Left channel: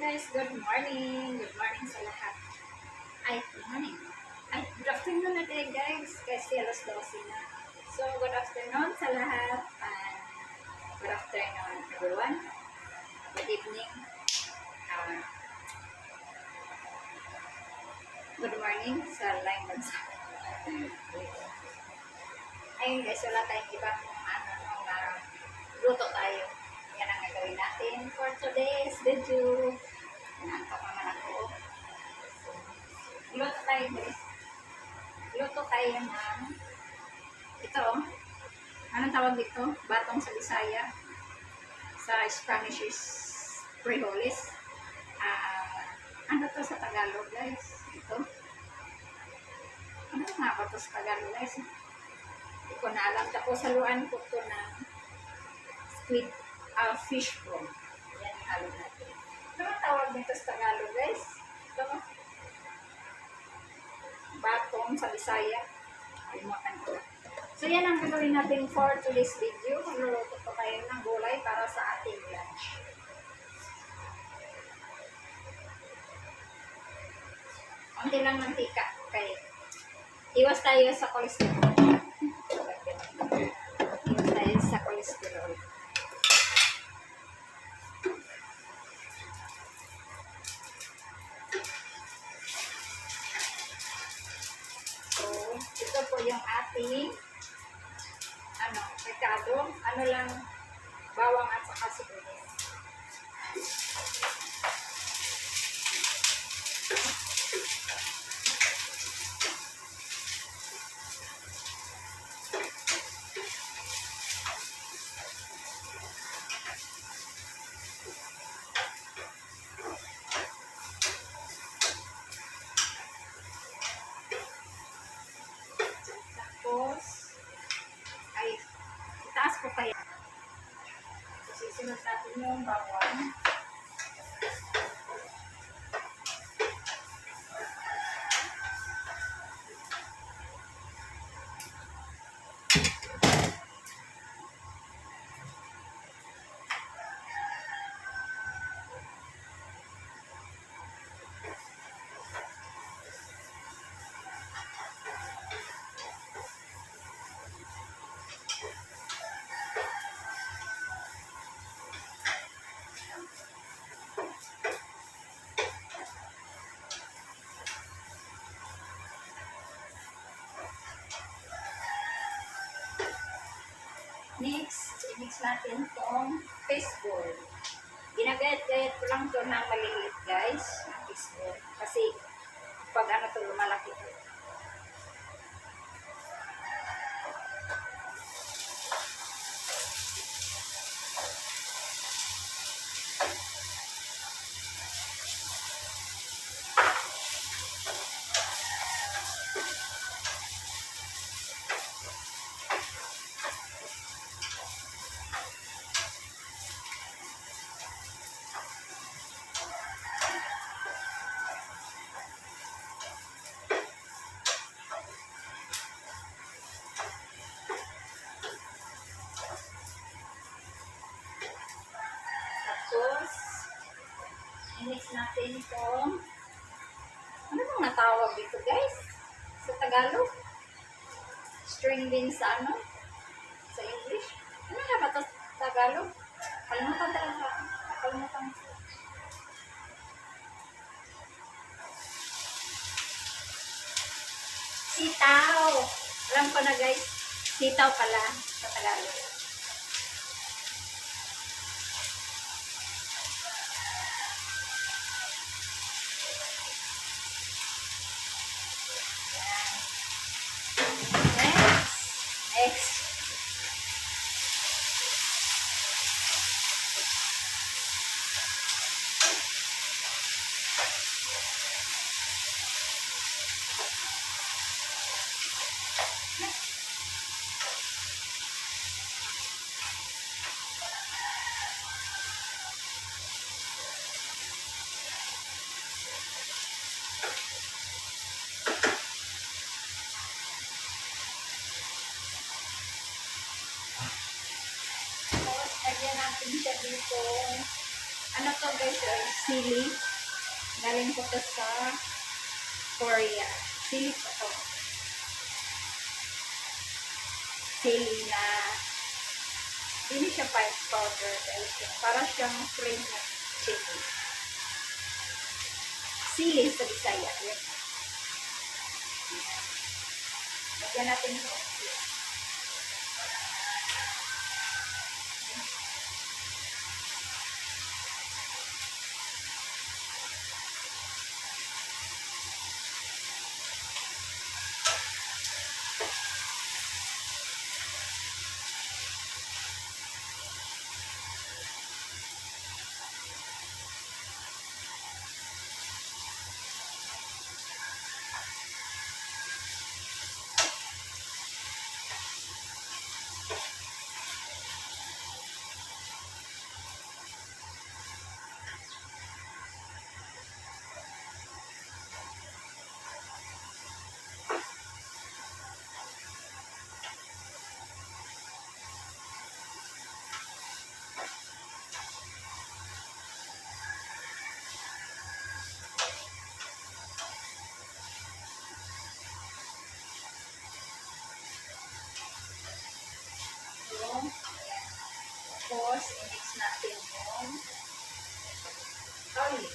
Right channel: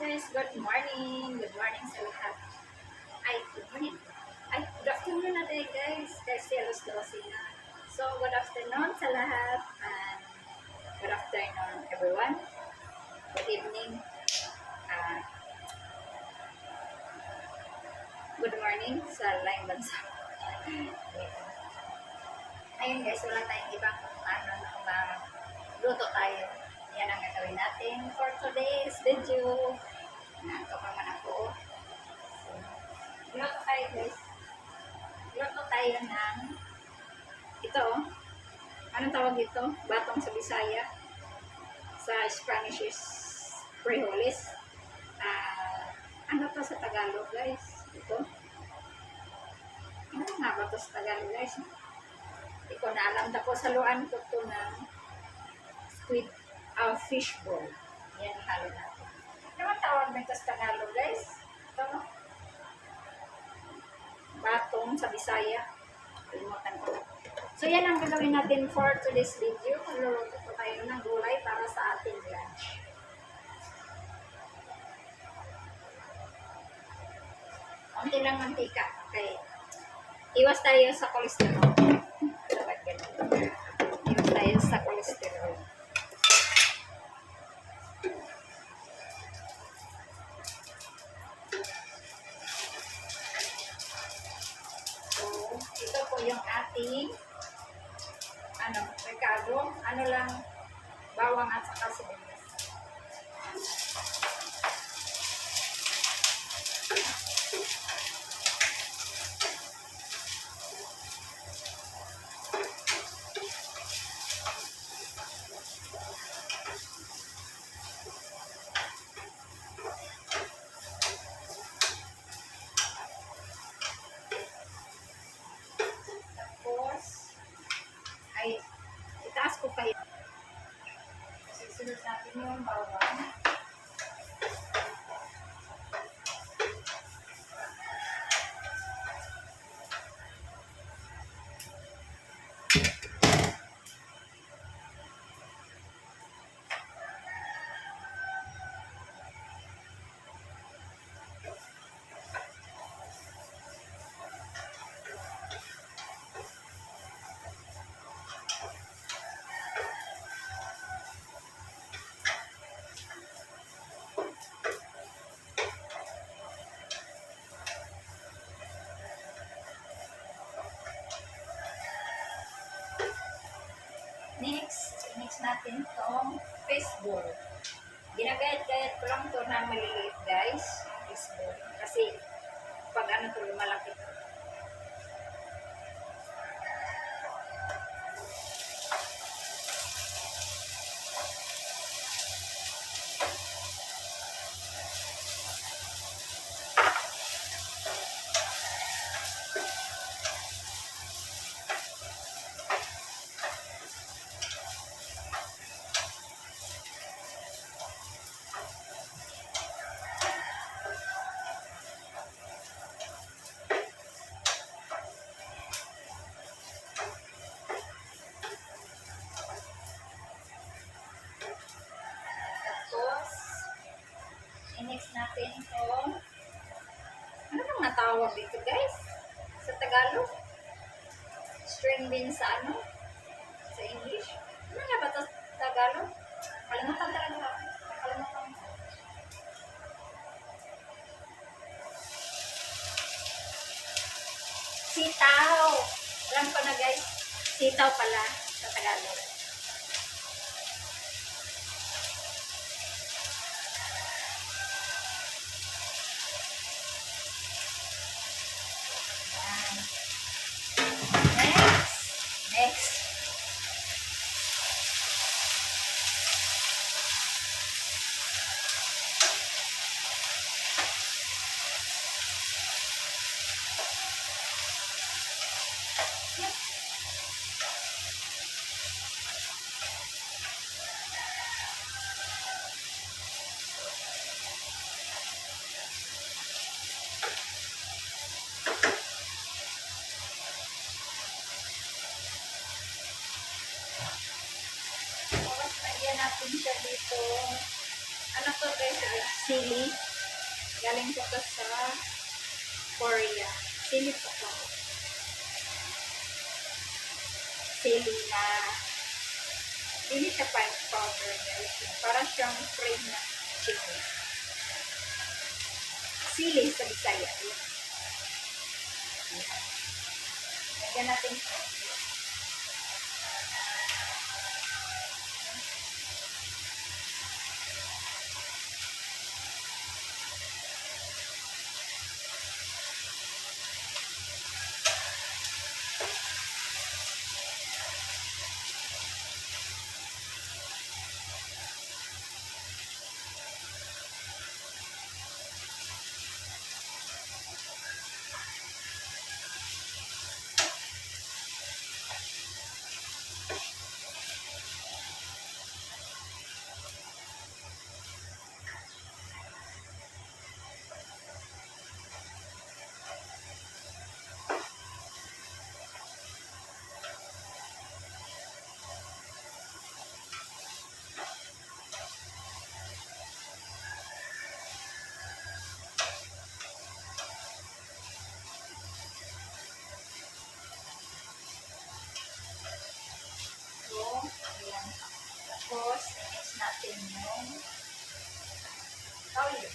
guys, good morning. Good morning sa lahat. Ay, good morning. Ay, good afternoon natin guys. Kasi alas 12 na. So, good afternoon sa lahat. And good afternoon everyone. Good evening. Uh, good morning sa laing bansa. Ayun guys, wala tayong ibang luto tayo. Yan ang gagawin natin for today's video. Nantok naman ako. So, luto tayo guys. Luto tayo ng ito. Anong tawag dito? Batong sa Bisaya. Sa Spanish is frijoles. Ano to sa Tagalog guys? Ito. Ano nga ba to sa Tagalog guys? Hindi ko na alam. Tapos haluan ko to ng squid fish ball. Yan yung halo natin. Ano tawag nito sa Tagalog guys? Ito no? Batong sa Bisaya. Kalimutan ko. So yan ang gagawin natin for today's video. Magluluto po tayo ng gulay para sa ating lunch. Konti lang mantika. Okay. Iwas tayo sa cholesterol. Iwas tayo sa cholesterol. Ito po yung ating recado. Ano lang, bawang at saka sibuyas. Ay, itaas ko kaya. Kasi sunod natin yung bawang. Next, i-mix natin itong fish ball. Ginagayat-gayat ko lang ito na maliliit guys, fish ball. Kasi pag ito lumalaki ito. I-mix natin itong ano nang natawag dito guys sa Tagalog, string beans sa sa English, ano nga ba ito sa Tagalog? Kalimutan talaga, nakalimutan ko. Sitaw, alam ko na guys, sitaw pala sa Tagalog. Next. Natin siya dito. Ano to guys? sili. Galing ko to sa Korea. Sili po to. Sili na hindi siya powder. Para siyang frame na chili. Sili sa Bisaya. Yan. Yan. Lagyan natin ito. Ayan. Tapos, i-mix natin yung oil.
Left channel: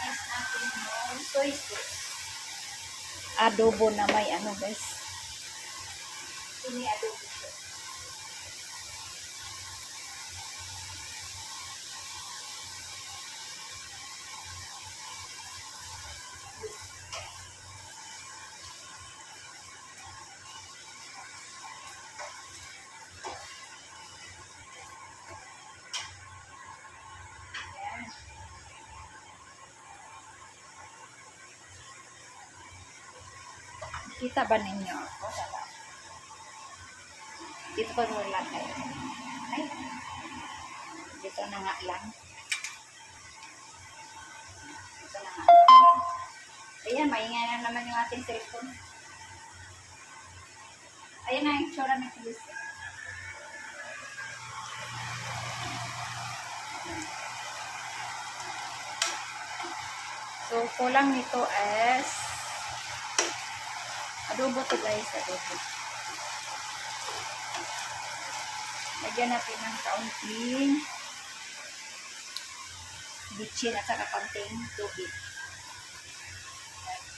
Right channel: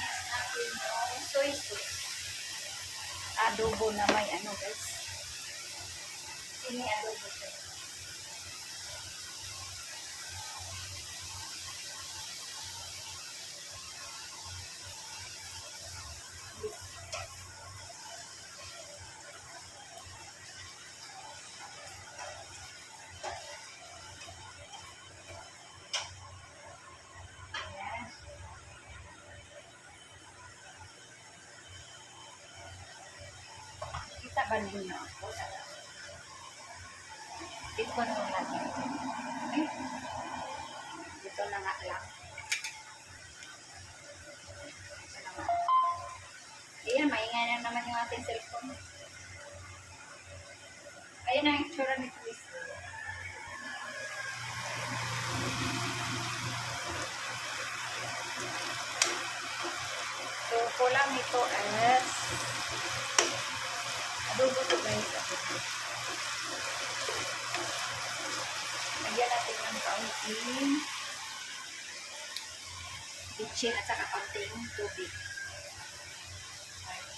Mix natin yung soy sauce. Adobo na may ano guys. Ini adobo siya. Ayan. Kita ba ninyo? O, dala. Dito ko lang kayo. Ay, dito na nga lang. Dito na nga lang. Ayan, maingay na naman yung ating cellphone. Ayan na yung tsura ni Chris. So, kulang nito is adobo to guys. Adobo. Lagyan natin yung kaunting bitchin at saka kaunting tubig.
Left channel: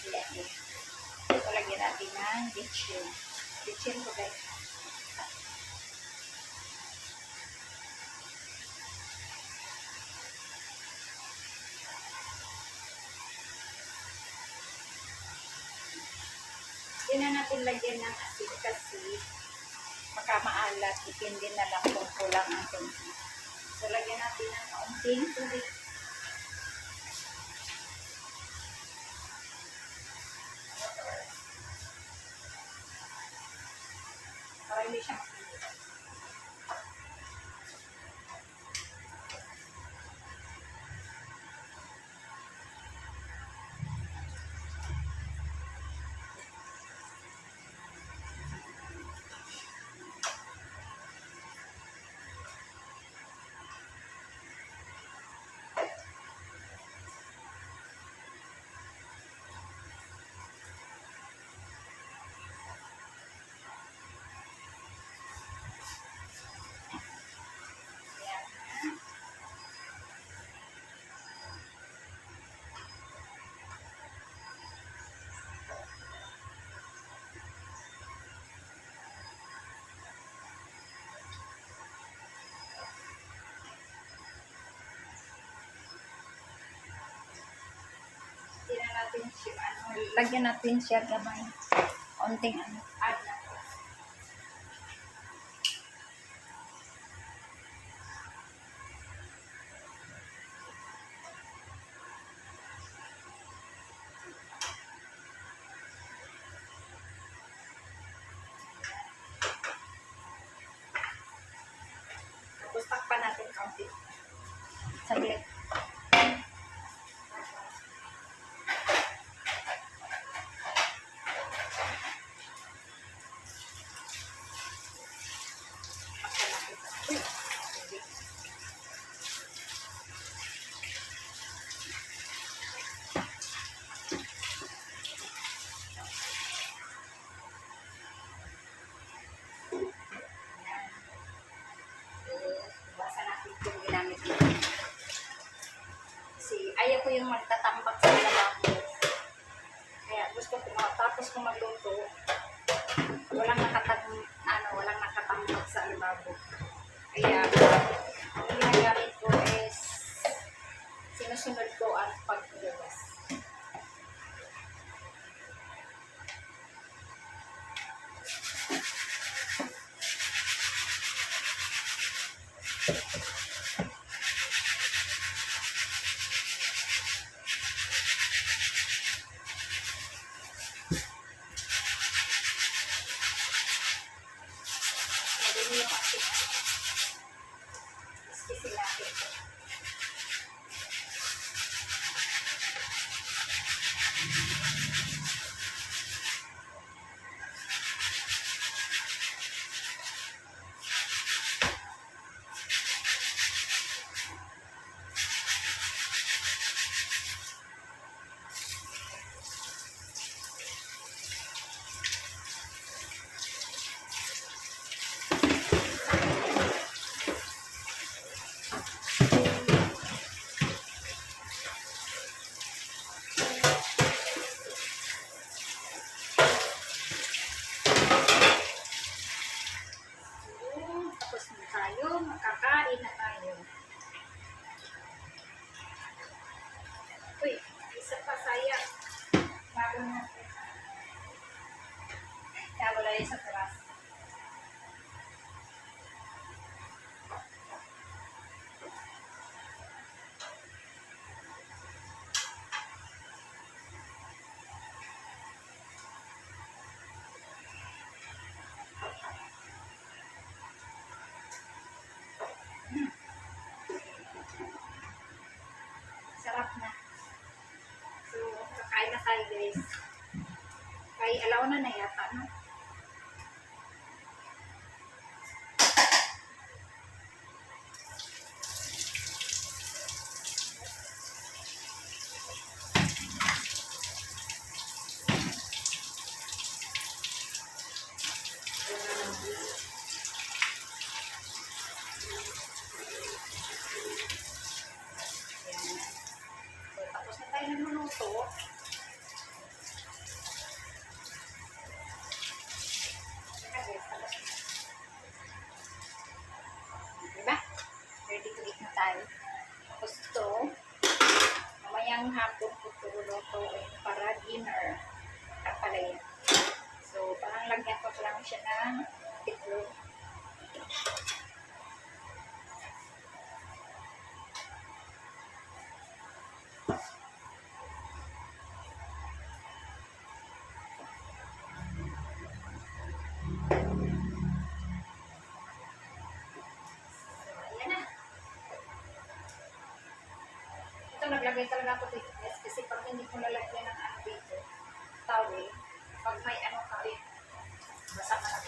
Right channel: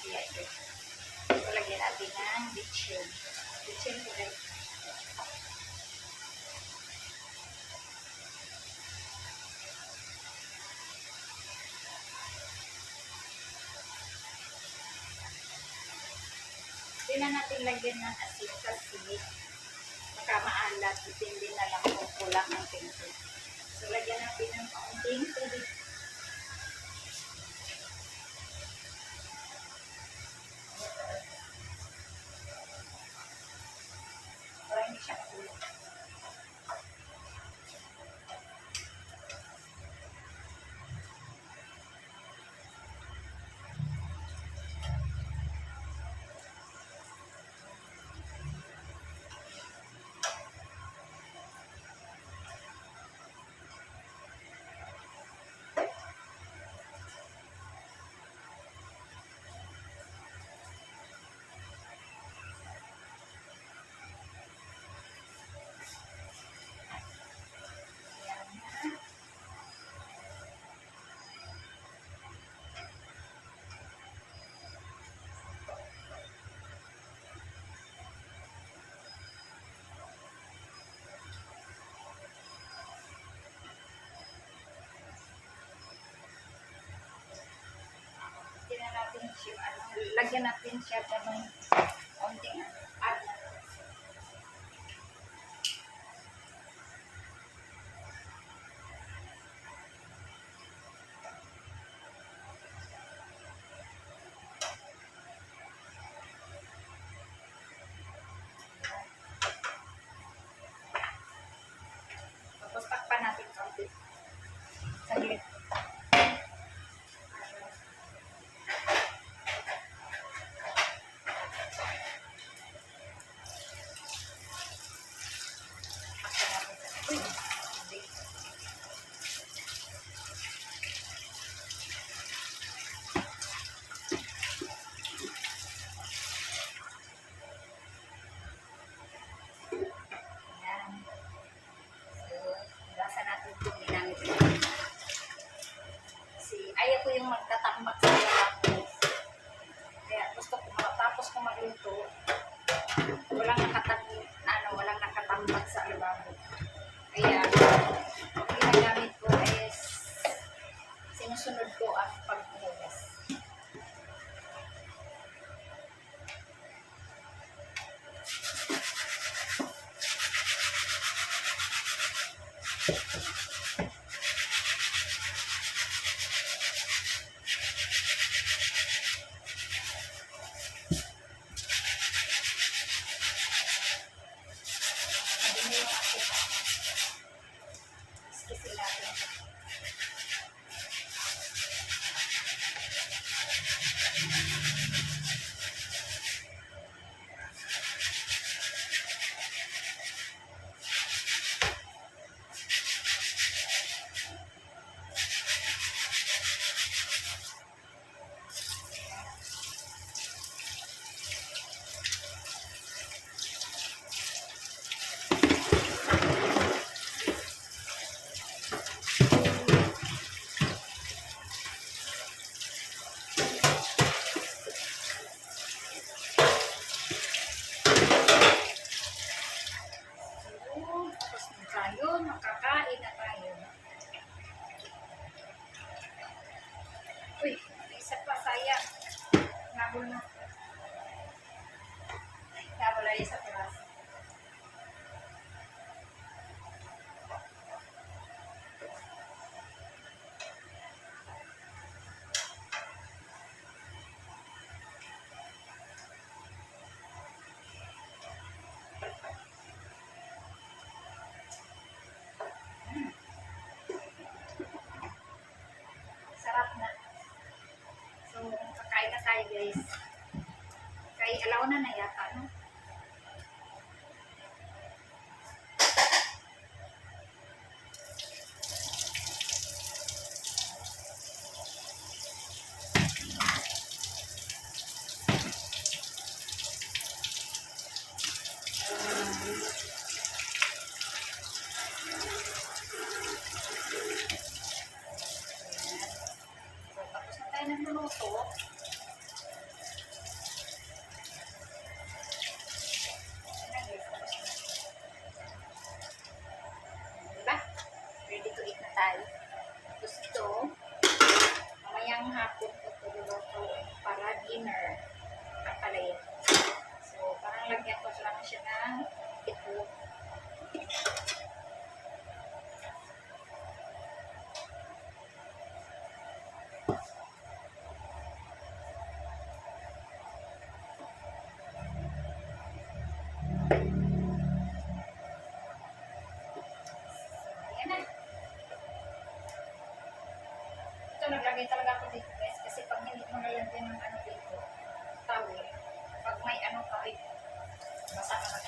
Ayan. So, lagyan natin ng bitchin. Bitchin to guys. Hindi na natin lagyan ng asin kasi baka maalat. Depende na lang kung kulang ang tubig. So, lagyan natin ng kaunting tubig. Para hindi siya makulit. Natin siya, lagyan natin siya na may konting add natin. Tapos takpan natin kaunti. Saglit. Kaya, ang ginagamit ko is sinusunod ko ang paghugas. Madumi yung ating iskisin natin. Tapos na tayo, makakain na tayo. Uy, isa pa sayang. Nabol na. Nabol na yung sa peras. Sarap na. So, kakain na tayo guys. Kay alaw na yata, no? Ayan. So, tapos na tayo nagluluto. Ayan guys, tapos na. Diba? Ready to eat na tayo. Tapos ito, mamayang hapon ko ito lulutuin para dinner. Kapalaya. So, parang lagyan ko lang siya ng itlog. Ayan na. Ito, naglagay talaga ako dito guys. Kasi pag hindi mo nalagyan ng ano dito, towel, pag may ano ka, basa ka na.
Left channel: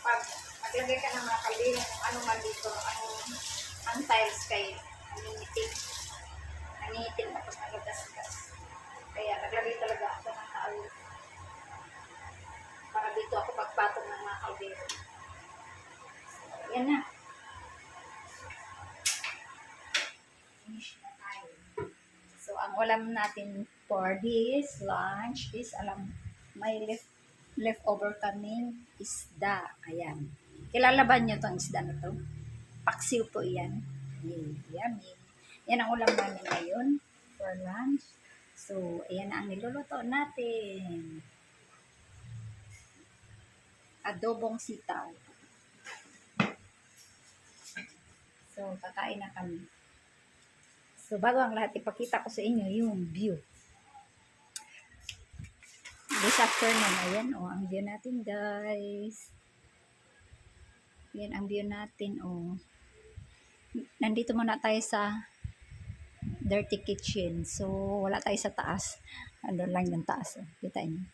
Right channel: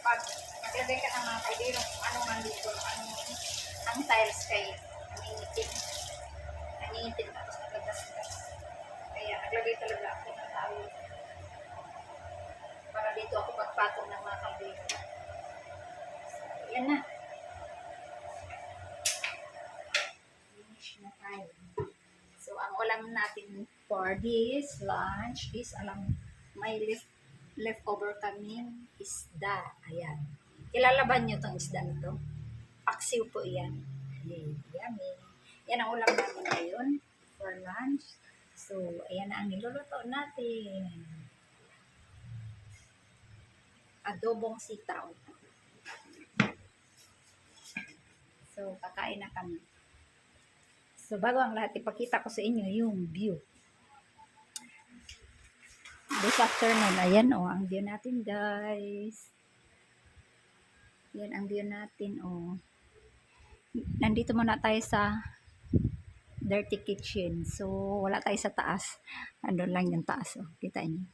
Pag naglagay ka ng mga kaldero, kung ano man dito, ang tiles kayo, nangingitim. Nangingitim tapos nagagas-gas. Kaya naglagay talaga ako ng towel. Para dito ako pagpatong ng mga kaldero. So, yan na. Finish na tayo. So, ang ulam natin for this lunch is, may leftover kaming isda. Ayan. Kilala ba nyo itong isda na to? Paksiw po yan. Yummy. Yan ang ulam namin ngayon for lunch. So, ayan na ang niluluto natin. Adobong sitaw. So, kakain na kami. So, bago ang lahat, ipakita ko sa inyo yung view. This afternoon, ayan ang view natin guys. Yan ang view natin Nandito muna tayo sa dirty kitchen. So, wala tayo sa taas. Ano lang yung taas. Kita niyo.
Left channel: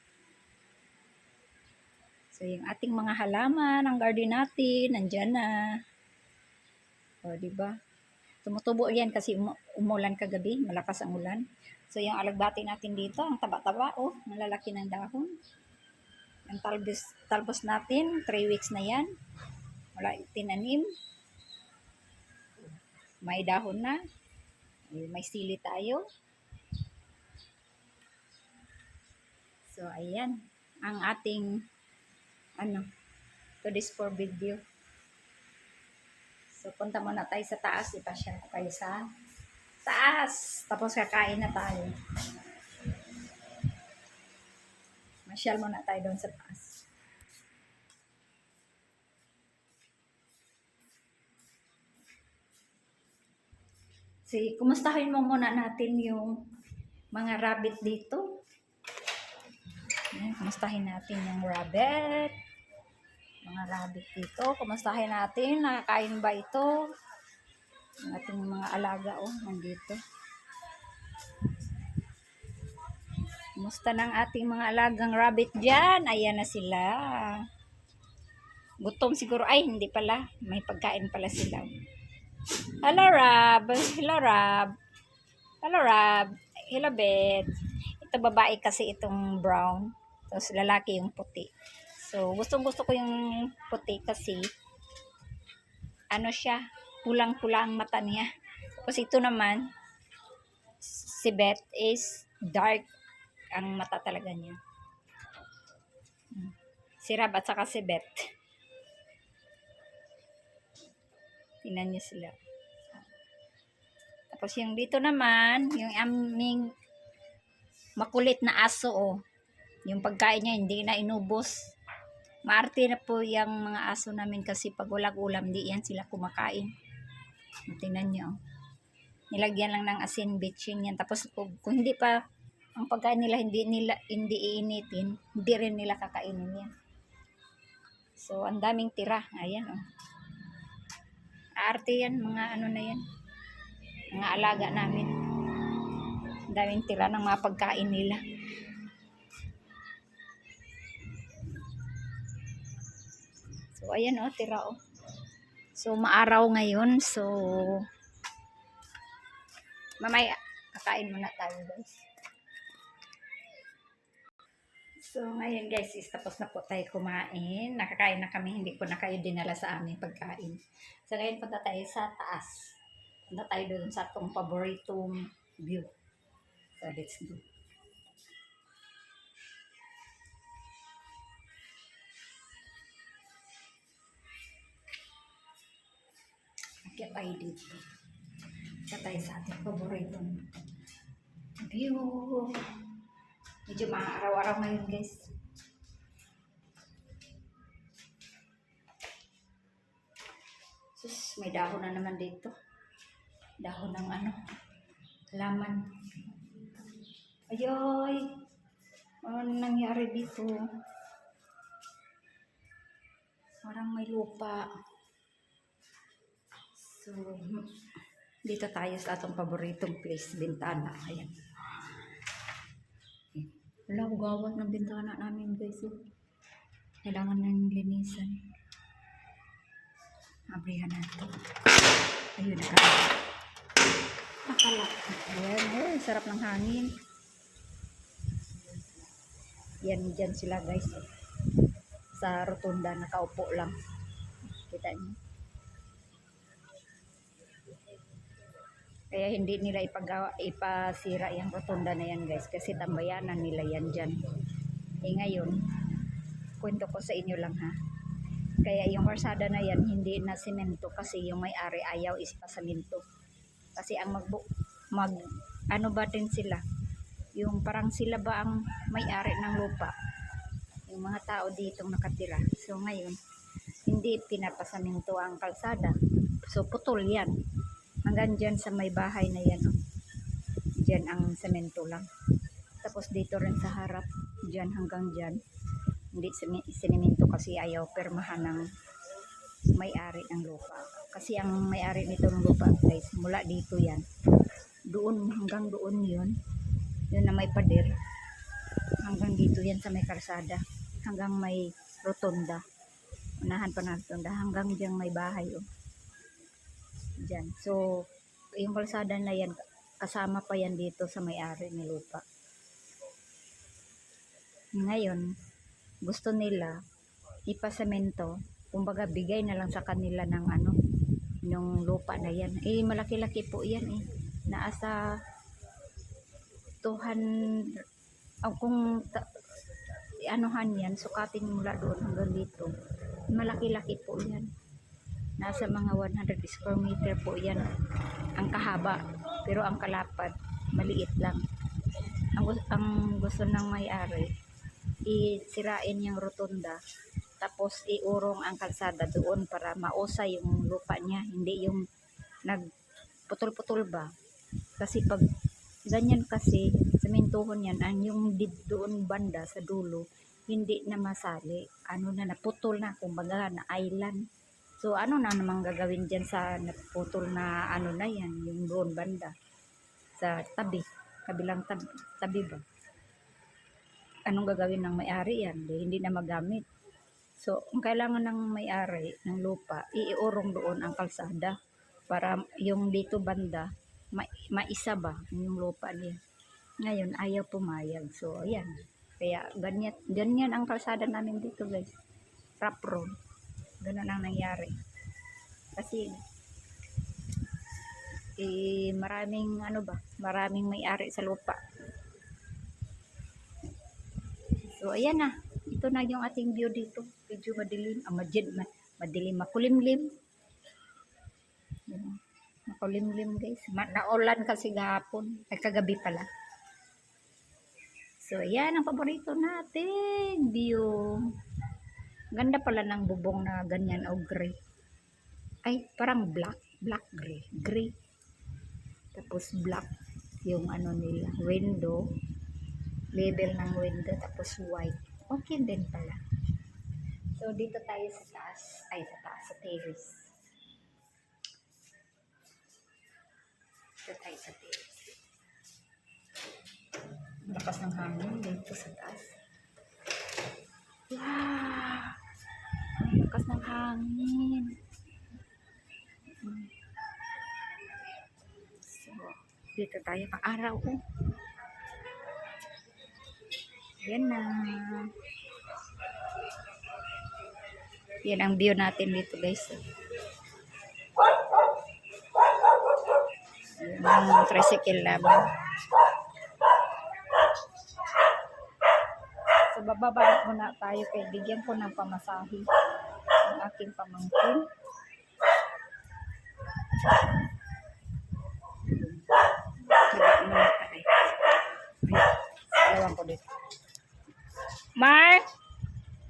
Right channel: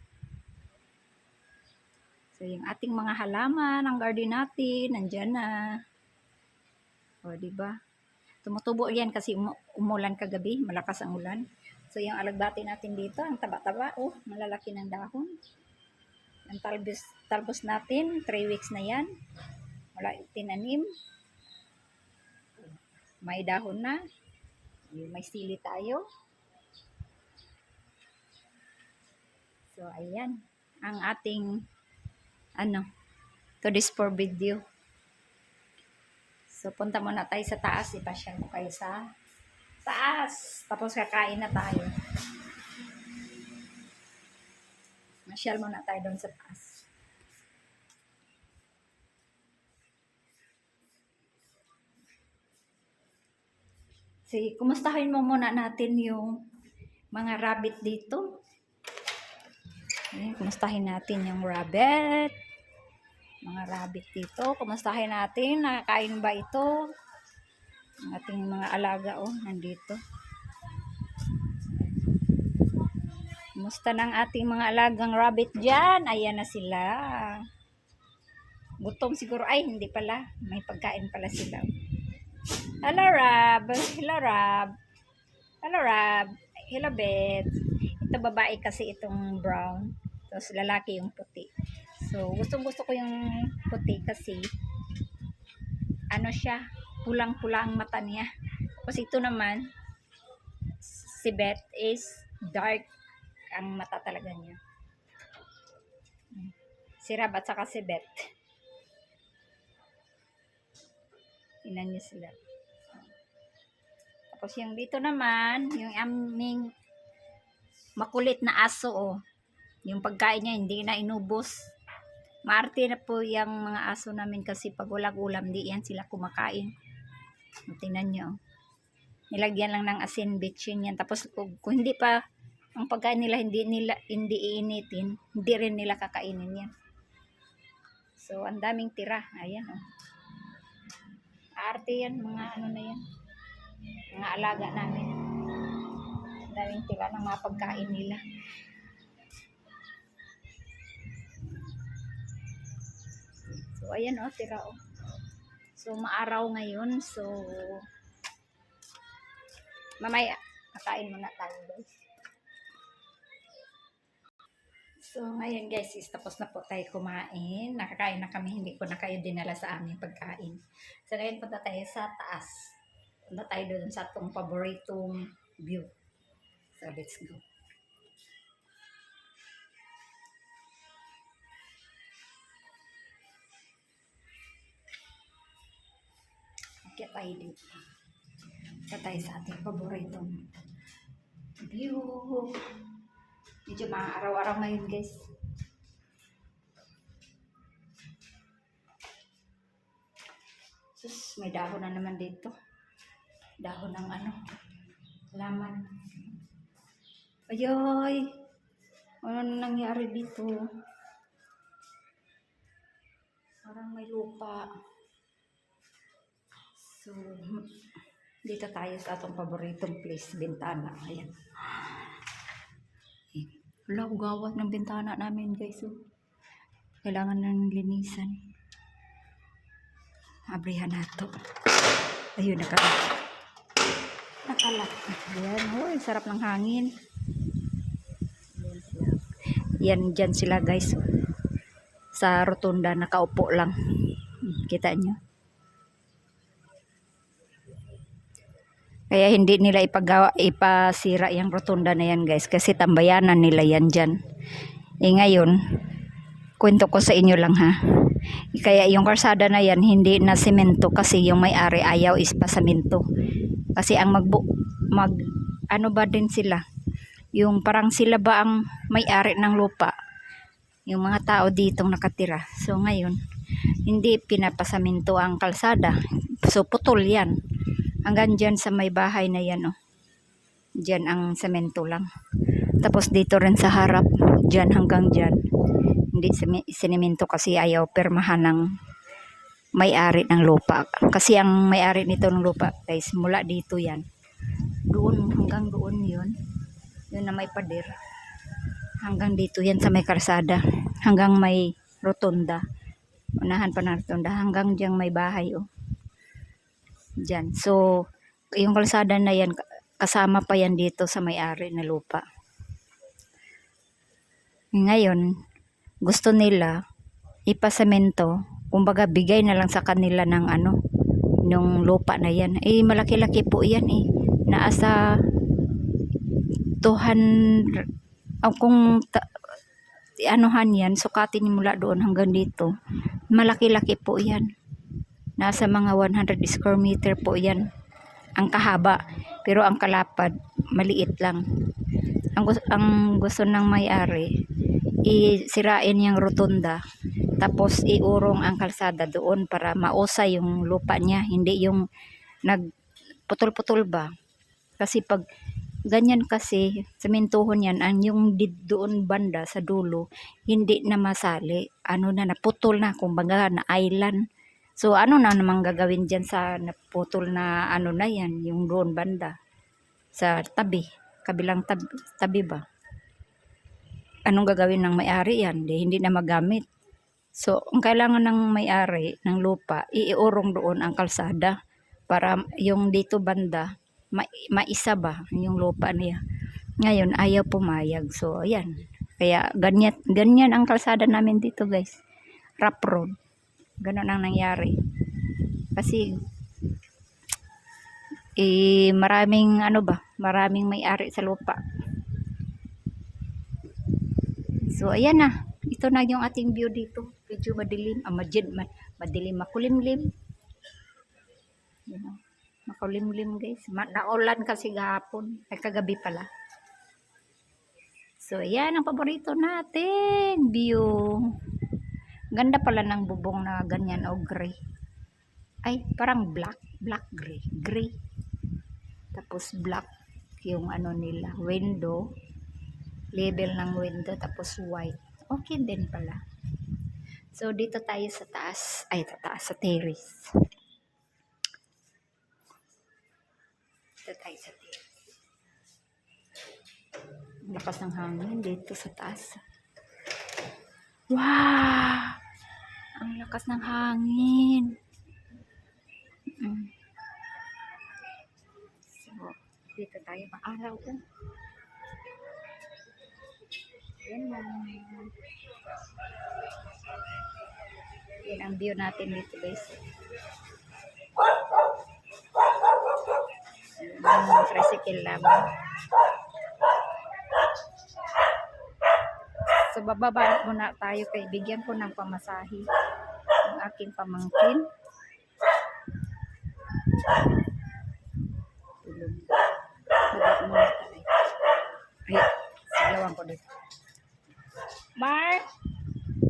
So, yung ating mga halaman, ang garden natin, nandyan na. Diba? Tumutubo yan kasi umulan kagabi. Malakas ang ulan. So, yung alagbati natin dito, ang taba-taba. Malalaki ng dahon. Ang talbos natin, 3 weeks na yan. Wala tinanim. May dahon na. May sili tayo. So, ayan. Ang ating, to this for video. So, So, punta muna tayo sa taas. Ipasyal ko kayo sa taas. Tapos kakain na tayo. Masyal muna tayo doon sa taas. Kumustahin mo muna natin yung mga rabbit dito. Ayan, kumustahin natin yung rabbit. Mga rabbit dito. Kumustahin natin. Nakakain ba ito? Ang ating mga alaga, nandito. Kumusta ng ating mga alagang rabbit dyan? Ayan na sila. Gutom siguro. Ay, hindi pala. May pagkain pala sila. Hello, Rab. Hello, Rab. Hello, Rab. Hello, Beth. Ito babae kasi itong brown. Tapos lalaki yung puti. So, gustong-gusto ko yung puti kasi ano siya, pulang-pula ang mata niya. Tapos ito naman, si Beth is dark ang mata talaga niya. Si Rab at saka si Beth. Tingnan niyo sila. Tapos yung dito naman, yung aming makulit na aso, yung pagkain niya hindi na inubos. Maarte na po yung mga aso namin kasi pag walang ulam, di yan sila kumakain. Tingnan nyo. Nilagyan lang ng asin, bitchin yan. Tapos kung hindi pa ang pagkain nila hindi iinitin, hindi rin nila kakainin yan. So, ang daming tira. Ayan, Aarte yan, mga ano na yan. Mga alaga namin. Ang daming tira ng mga pagkain nila. So, ayan tira So, maaraw ngayon. So, mamaya, kakain muna tayo guys. So, ngayon guys, tapos na po tayo kumain. Nakakain na kami, hindi ko na kayo dinala sa aming pagkain. So, ngayon punta tayo sa taas. Punta tayo doon sa itong paboritong view. So, let's go. Kaya tayo dito. Kaya tayo sa ating paboritong view. Medyo mga araw-araw ngayon guys. Sus, may dahon na naman dito. Dahon ng halaman. Ayoy! Ano nangyari dito? Parang may lupa. So, dito tayo sa atong paboritong place, bintana. Ayan. Wala, gawat ng bintana namin guys. Kailangan na ng linisan. Abrihan na ito. Ayun, nakalak. Ayan, sarap ng hangin. Yan, dyan sila guys. Sa rotunda, nakaupo lang. Kita nyo? Kaya hindi nila ipasira yung rotunda na yan guys. Kasi tambayanan nila yan dyan. Ngayon, kwento ko sa inyo lang ha. Kaya yung karsada na yan, hindi na semento kasi yung may-ari ayaw is pasamento. Kasi ang ano ba din sila? Yung parang sila ba ang may-ari ng lupa? Yung mga tao ditong nakatira. So ngayon, hindi pinapasamento ang kalsada. So putol yan. Hanggang dyan sa may bahay na yan Dyan ang semento lang. Tapos dito rin sa harap, dyan hanggang dyan. Hindi sinemento kasi ayaw permahan ng may-ari ng lupa. Kasi ang may-ari nito ng lupa, guys, mula dito yan. Doon, hanggang doon yun. Yun na may pader. Hanggang dito yan sa may karsada. Hanggang may rotunda. Unahan pa ng rotunda. Hanggang dyan may bahay Dyan. So, yung kalsada na yan, kasama pa yan dito sa may-ari na lupa. Ngayon, gusto nila ipasemento, kumbaga bigay na lang sa kanila ng nung lupa na yan. Malaki-laki po yan Naasa 200, kung anuhan yan, sukatin mula doon hanggang dito. Malaki-laki po yan. Nasa mga 100 square meter po yan ang kahaba, pero ang kalapad maliit lang. Ang gusto ng may-ari, isirain yung rotunda, tapos iurong ang kalsada doon para mausay yung lupa niya, hindi yung nagputol-putol ba. Kasi pag ganyan kasi, sementohon yan, ang yung doon banda sa dulo, hindi na masali. Ano na, naputol na, kumbaga na island. So, ano na namang gagawin dyan sa naputol na ano na yan, yung doon banda. Sa tabi, kabilang tabi ba? Anong gagawin ng may-ari yan? Hindi na magamit. So, ang kailangan ng may-ari ng lupa, iurong doon ang kalsada para yung dito banda, maisa ba yung lupa niya. Ngayon, ayaw pumayag. So, ayan. Kaya, ganyan ang kalsada namin dito, guys. Rough road. Ganon ang nangyari. Kasi, maraming maraming may-ari sa lupa. So, ayan na. Ito na yung ating view dito. Medyo madilim. Madilim, makulimlim. Makulimlim, guys. Naulan kasi gahapon. Ay, kagabi pala. So, ayan ang paborito natin. View. Ganda pala ng bubong na ganyan o gray. Ay, parang black gray. Gray. Tapos black yung ano nila, window. Label ng window, tapos white. Okay din pala. So, dito tayo sa taas. Ay, sa terrace. Dito tayo sa terrace. Lakas ng hangin dito sa taas. Wow! Ang lakas ng hangin. So, dito tayo araw. Yan na. Yan ang view natin dito, guys. Ang tricycle namin. So, bababa muna tayo kay bigyan ko ng pamasahe ang aking pamangkin. Baba muna tayo. Ay, sigawan ko dito. Mar,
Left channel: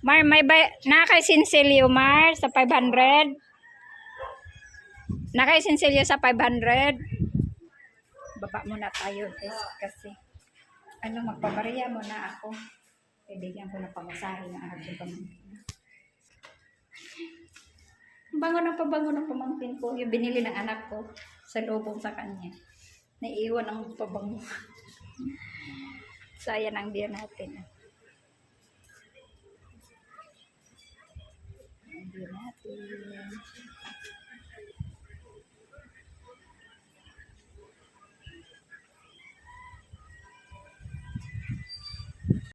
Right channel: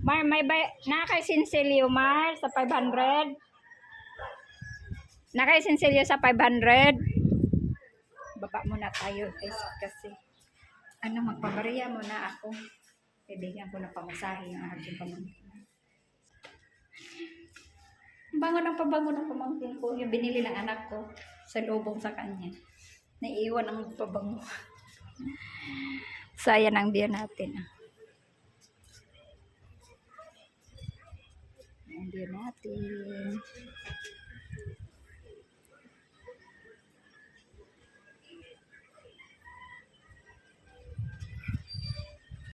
may nakay sinsilyo, Mar, sa 500? Nakay sinsilyo sa 500? Baba muna tayo, guys, kasi magpabariya muna ako. Bibigyan ko ng pamasahe ng aking pamangkin. Bango ng pamangkin ko. Yung binili ng anak ko sa lubong sa kanya. Naiiwan ang pabango. Sayang ang view natin. Ang view natin.